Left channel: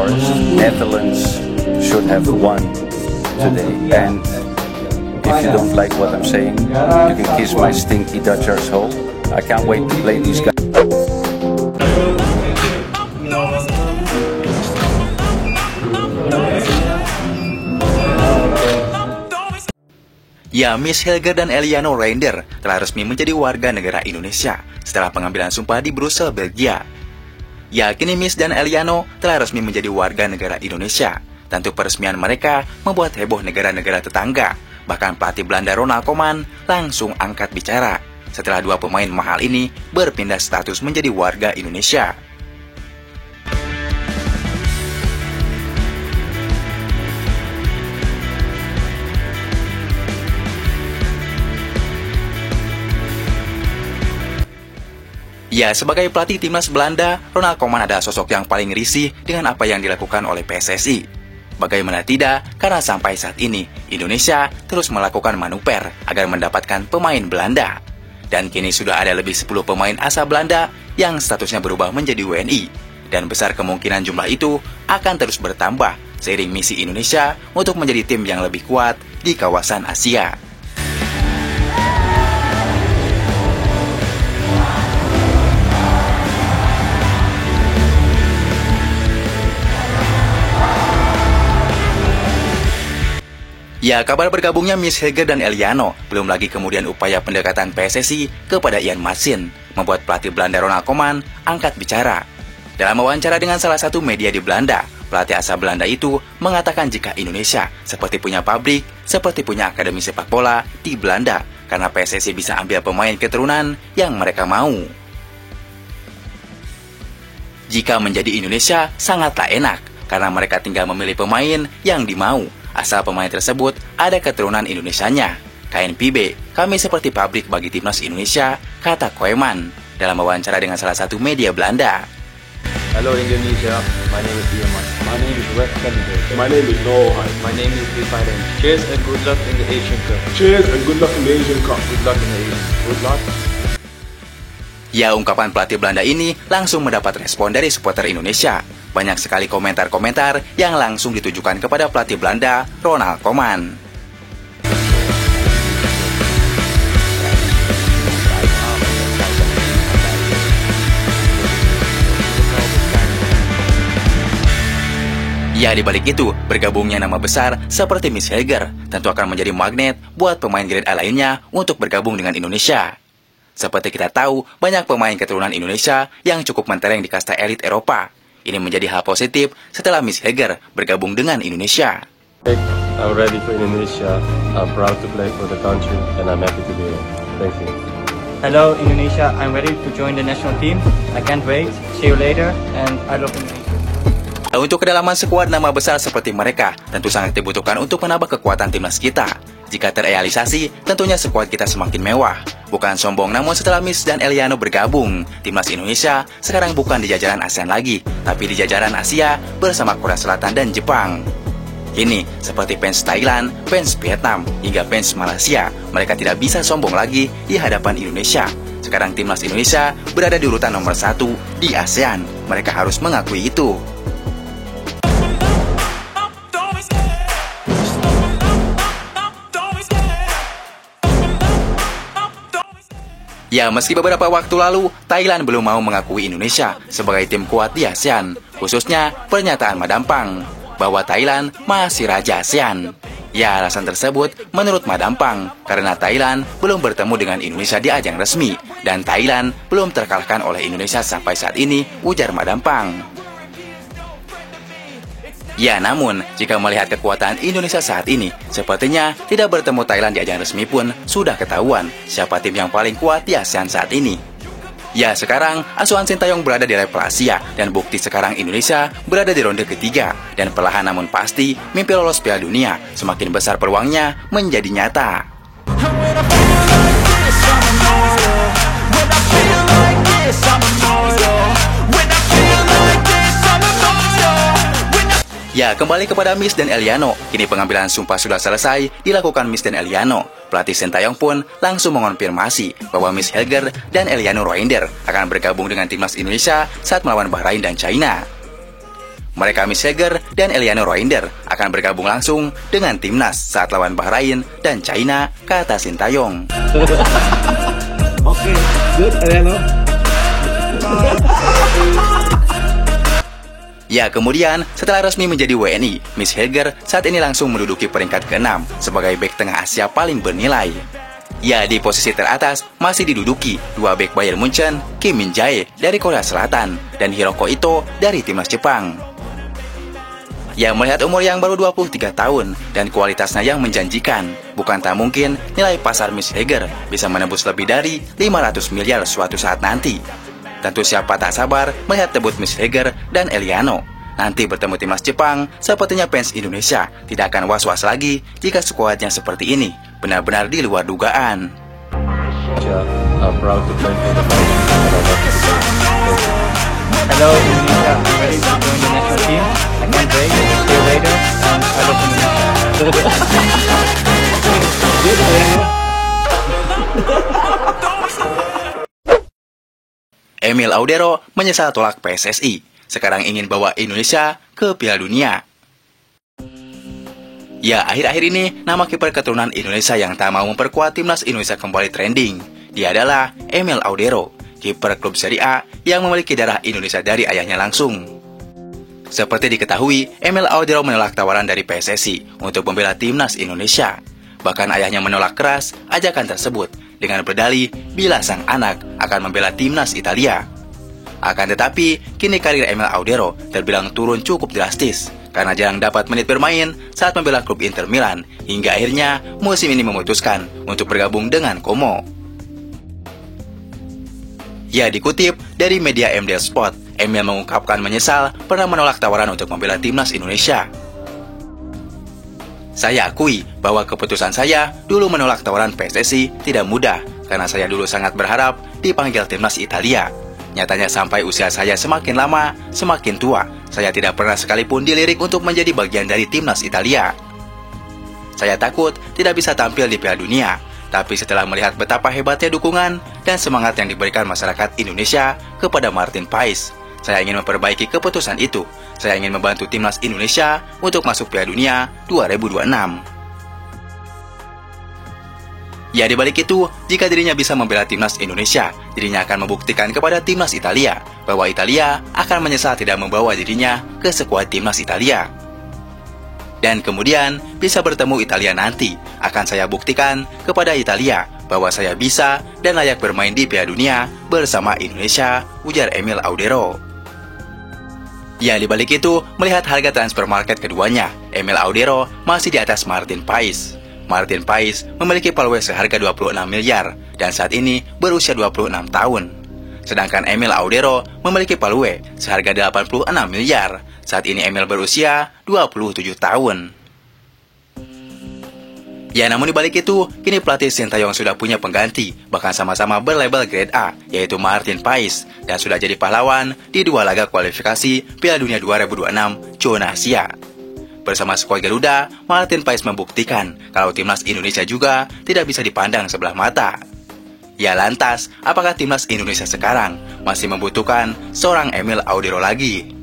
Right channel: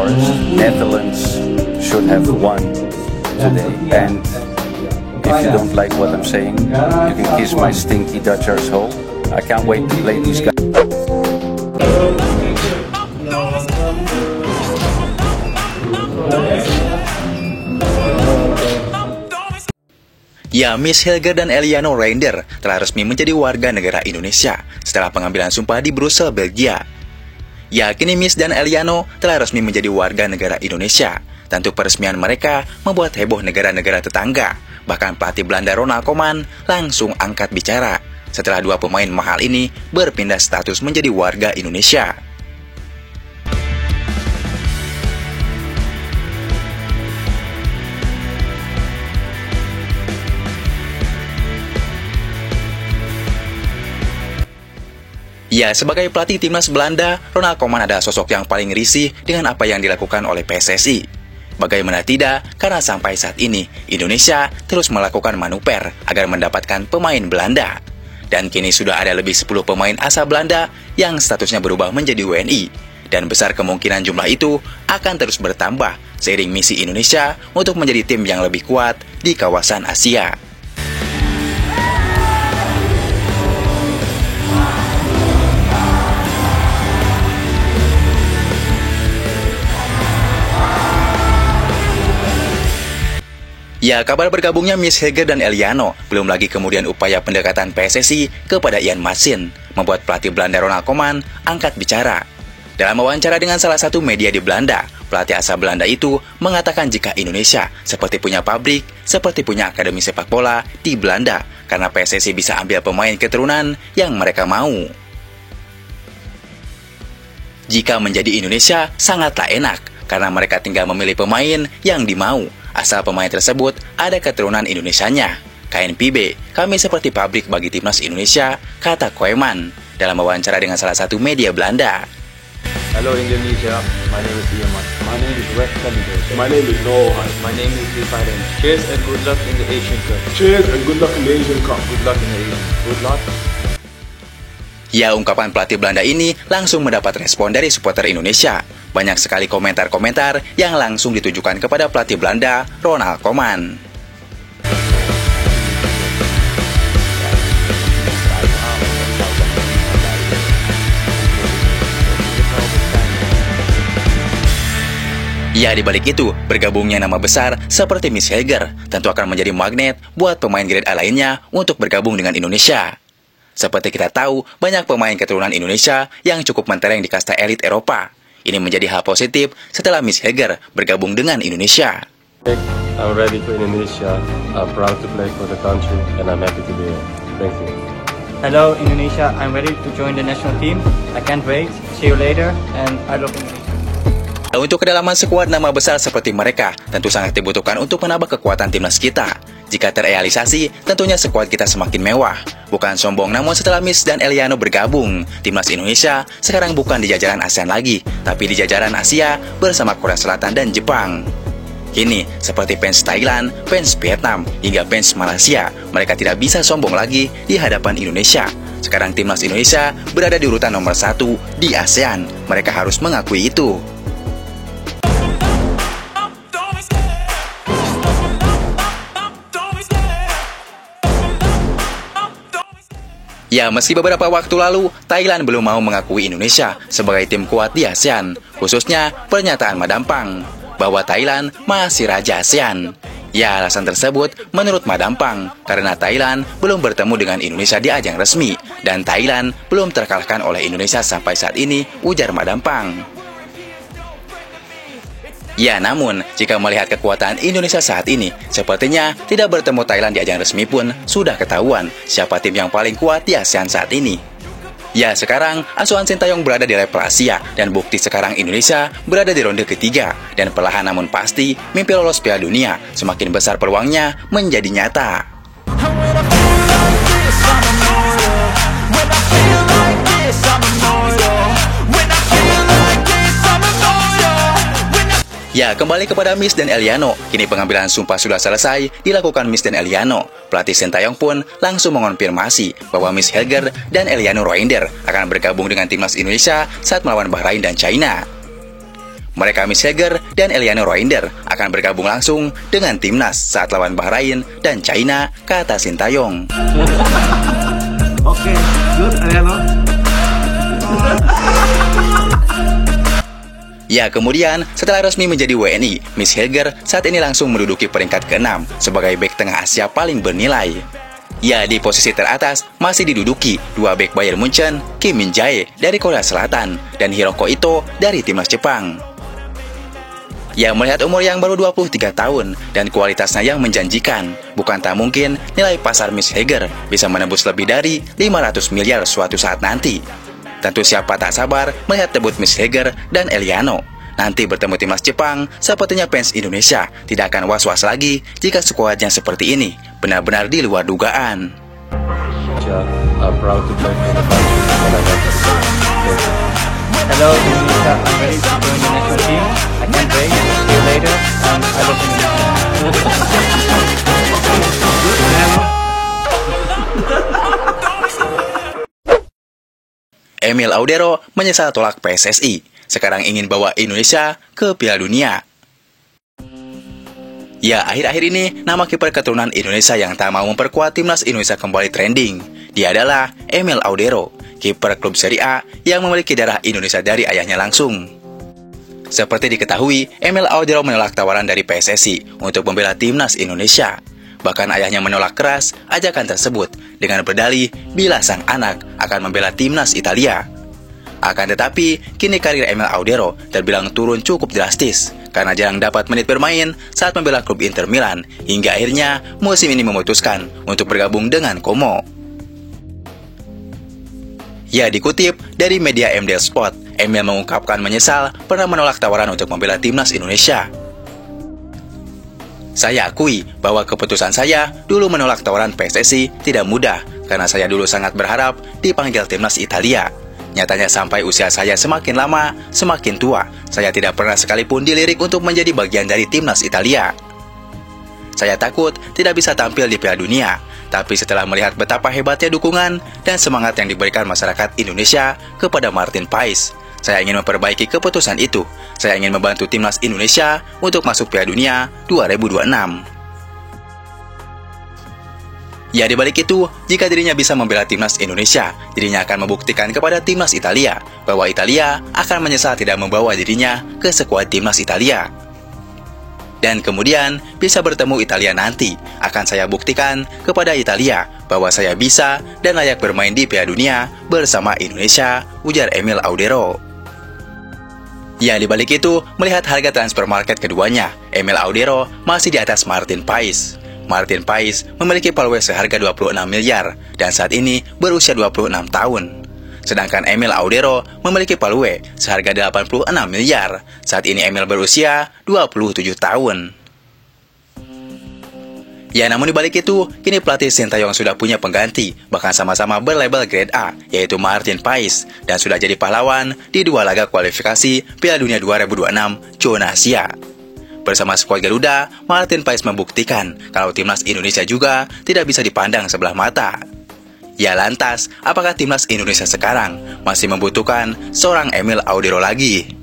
course, Netherlands should have won today. And if you don't like what I'm saying, you can kiss my stinky Dutch arsehole. I can't wait to play these guys. Ya, Miss Helger dan Eliano Reinder telah resmi menjadi warga negara Indonesia setelah pengambilan sumpah di Brussel, Belgia. Ya, kini Miss dan Eliano telah resmi menjadi warga negara Indonesia. Tentu peresmian mereka membuat heboh negara-negara tetangga. Bahkan pelatih Belanda Ronald Koeman langsung angkat bicara setelah dua pemain mahal ini berpindah status menjadi warga Indonesia. Ya, sebagai pelatih timnas Belanda, Ronald Koeman adalah sosok yang paling risih dengan apa yang dilakukan oleh PSSI. Bagaimana tidak, karena sampai saat ini, Indonesia terus melakukan manuver agar mendapatkan pemain Belanda. Dan kini sudah ada lebih 10 pemain asal Belanda yang statusnya berubah menjadi WNI. Dan besar kemungkinan jumlah itu akan terus bertambah seiring misi Indonesia untuk menjadi tim yang lebih kuat di kawasan Asia. Ya, kabar bergabungnya Miss Helger dan Eliano, belum lagi kemudian upaya pendekatan PSSI kepada Ian Maatsen, membuat pelatih Belanda Ronald Koeman angkat bicara. Dalam wawancara dengan salah satu media di Belanda, pelatih asal Belanda itu mengatakan jika Indonesia seperti punya pabrik, seperti punya akademi sepak bola di Belanda, karena PSSI bisa ambil pemain keturunan yang mereka mau. Jika menjadi Indonesia sangatlah enak, karena mereka tinggal memilih pemain yang dimau, asal pemain tersebut ada keturunan Indonesianya. KNPB, kami seperti pabrik bagi timnas Indonesia, kata Koeman dalam wawancara dengan salah satu media Belanda. Hello Indonesia, my name is Ian Maatsen. My name is Rex Kennedy. My name is Noah. My name is Bifaren. Cheers and good luck in the Asian Cup. Cheers and good luck in the Asian Cup. Good luck in the Asian. Good luck. Ya, ungkapan pelatih Belanda ini langsung mendapat respon dari supporter Indonesia. Banyak sekali komentar-komentar yang langsung ditujukan kepada pelatih Belanda, Ronald Koeman. Ya, dibalik itu, bergabungnya nama besar seperti Miss Helger tentu akan menjadi magnet buat pemain grade A lainnya untuk bergabung dengan Indonesia. Seperti kita tahu, banyak pemain keturunan Indonesia yang cukup mentereng di kasta elit Eropa. Ini menjadi hal positif setelah Miss Helger bergabung dengan Indonesia. I'm ready for Indonesia. I'm proud to play for the country and I'm happy to be here. Thank you. Hello Indonesia, I'm ready to join the national team. I can't wait. See you later and I love Indonesia. Untuk kedalaman skuad nama besar seperti mereka tentu sangat dibutuhkan untuk menambah kekuatan timnas kita. Jika terrealisasi, tentunya skuad kita semakin mewah. Bukan sombong, namun setelah Miss dan Eliano bergabung, timnas Indonesia sekarang bukan di jajaran ASEAN lagi, tapi di jajaran Asia bersama Korea Selatan dan Jepang. Kini, seperti fans Thailand, fans Vietnam, hingga fans Malaysia, mereka tidak bisa sombong lagi di hadapan Indonesia. Sekarang timnas Indonesia berada di urutan nomor 1 di ASEAN. Mereka harus mengakui itu. Ya, meski beberapa waktu lalu, Thailand belum mau mengakui Indonesia sebagai tim kuat di ASEAN, khususnya pernyataan Madampang bahwa Thailand masih raja ASEAN. Ya, alasan tersebut menurut Madampang karena Thailand belum bertemu dengan Indonesia di ajang resmi, dan Thailand belum terkalahkan oleh Indonesia sampai saat ini, ujar Madampang. Ya, namun, jika melihat kekuatan Indonesia saat ini, sepertinya tidak bertemu Thailand di ajang resmi pun sudah ketahuan siapa tim yang paling kuat di ASEAN saat ini. Ya, sekarang asuhan Sintayong berada di level Asia, dan bukti sekarang Indonesia berada di ronde ketiga, dan perlahan namun pasti, mimpi lolos Piala Dunia semakin besar peluangnya menjadi nyata. Ya, kembali kepada Miss dan Eliano. Kini pengambilan sumpah sudah selesai dilakukan Miss dan Eliano. Pelatih Sintayong pun langsung mengonfirmasi bahwa Miss Helger dan Eliano Reinder akan bergabung dengan timnas Indonesia saat melawan Bahrain dan China. mereka Miss Heger dan Eliano Roinder akan bergabung langsung dengan timnas saat lawan Bahrain dan China, kata Sintayong. Oke, good Eliano. Ya, kemudian setelah resmi menjadi WNI, Miss Heger saat ini langsung menduduki peringkat ke-6 sebagai bek tengah Asia paling bernilai. Ya, di posisi teratas masih diduduki dua bek Bayern Munchen, Kim Min-jae dari Korea Selatan dan Hiroko Ito dari timnas Jepang. Ya, melihat umur yang baru 23 tahun dan kualitasnya yang menjanjikan, bukan tak mungkin nilai pasar Miss Heger bisa menembus lebih dari 500 miliar suatu saat nanti. Tentu siapa tak sabar melihat debut Miss Heger dan Eliano. Nanti bertemu timnas Jepang, sepertinya fans Indonesia tidak akan was-was lagi jika skuadnya seperti ini. Benar-benar di luar dugaan. I'm proud to play for the country and I'm happy to be here. Hello Indonesia, I'm ready to join the national team. I can't wait. See you later, and I love Indonesia. Good Eliano. Emil Audero menyesal tolak PSSI. Sekarang ingin bawa Indonesia ke Piala Dunia. Ya, akhir-akhir ini nama kiper keturunan Indonesia yang tak mau memperkuat timnas Indonesia kembali trending. Dia adalah Emil Audero, kiper klub Serie A yang memiliki darah Indonesia dari ayahnya langsung. Seperti diketahui, Emil Audero menolak tawaran dari PSSI untuk membela timnas Indonesia. Bahkan ayahnya menolak keras ajakan tersebut dengan berdalih bila sang anak akan membela timnas Italia. Akan tetapi, kini karir Emil Audero terbilang turun cukup drastis karena jarang dapat menit bermain saat membela klub Inter Milan hingga akhirnya musim ini memutuskan untuk bergabung dengan Como. Ya, dikutip dari media MDL Sport, Emil mengungkapkan menyesal pernah menolak tawaran untuk membela timnas Indonesia. Saya akui bahwa keputusan saya dulu menolak tawaran PSSI tidak mudah karena saya dulu sangat berharap dipanggil timnas Italia. Nyatanya sampai usia saya semakin lama, semakin tua, saya tidak pernah sekalipun dilirik untuk menjadi bagian dari timnas Italia. Saya takut tidak bisa tampil di Piala Dunia, tapi setelah melihat betapa hebatnya dukungan dan semangat yang diberikan masyarakat Indonesia kepada Martin Paes, saya ingin memperbaiki keputusan itu. Saya ingin membantu timnas Indonesia untuk masuk Piala Dunia 2026. Ya, dibalik itu, jika dirinya bisa membela timnas Indonesia, dirinya akan membuktikan kepada timnas Italia bahwa Italia akan menyesal tidak membawa dirinya ke skuad timnas Italia. Dan kemudian bisa bertemu Italia nanti, akan saya buktikan kepada Italia bahwa saya bisa dan layak bermain di Piala Dunia bersama Indonesia, ujar Emil Audero. Ya, dibalik itu, melihat harga transfer market keduanya, Emil Audero masih di atas Martin Paes. Martin Paes memiliki paluwe seharga 26 miliar dan saat ini berusia 26 tahun. Sedangkan Emil Audero memiliki paluwe seharga 86 miliar. Saat ini Emil berusia 27 tahun. Ya, namun dibalik itu, kini pelatih Sintayong sudah punya pengganti, bahkan sama-sama berlabel grade A, yaitu Martin Paes, dan sudah jadi pahlawan di 2 laga kualifikasi Piala Dunia 2026 zona Asia. Bersama skuad Garuda, Martin Paes membuktikan kalau timnas Indonesia juga tidak bisa dipandang sebelah mata. Ya, lantas, apakah timnas Indonesia sekarang masih membutuhkan seorang Emil Audero lagi?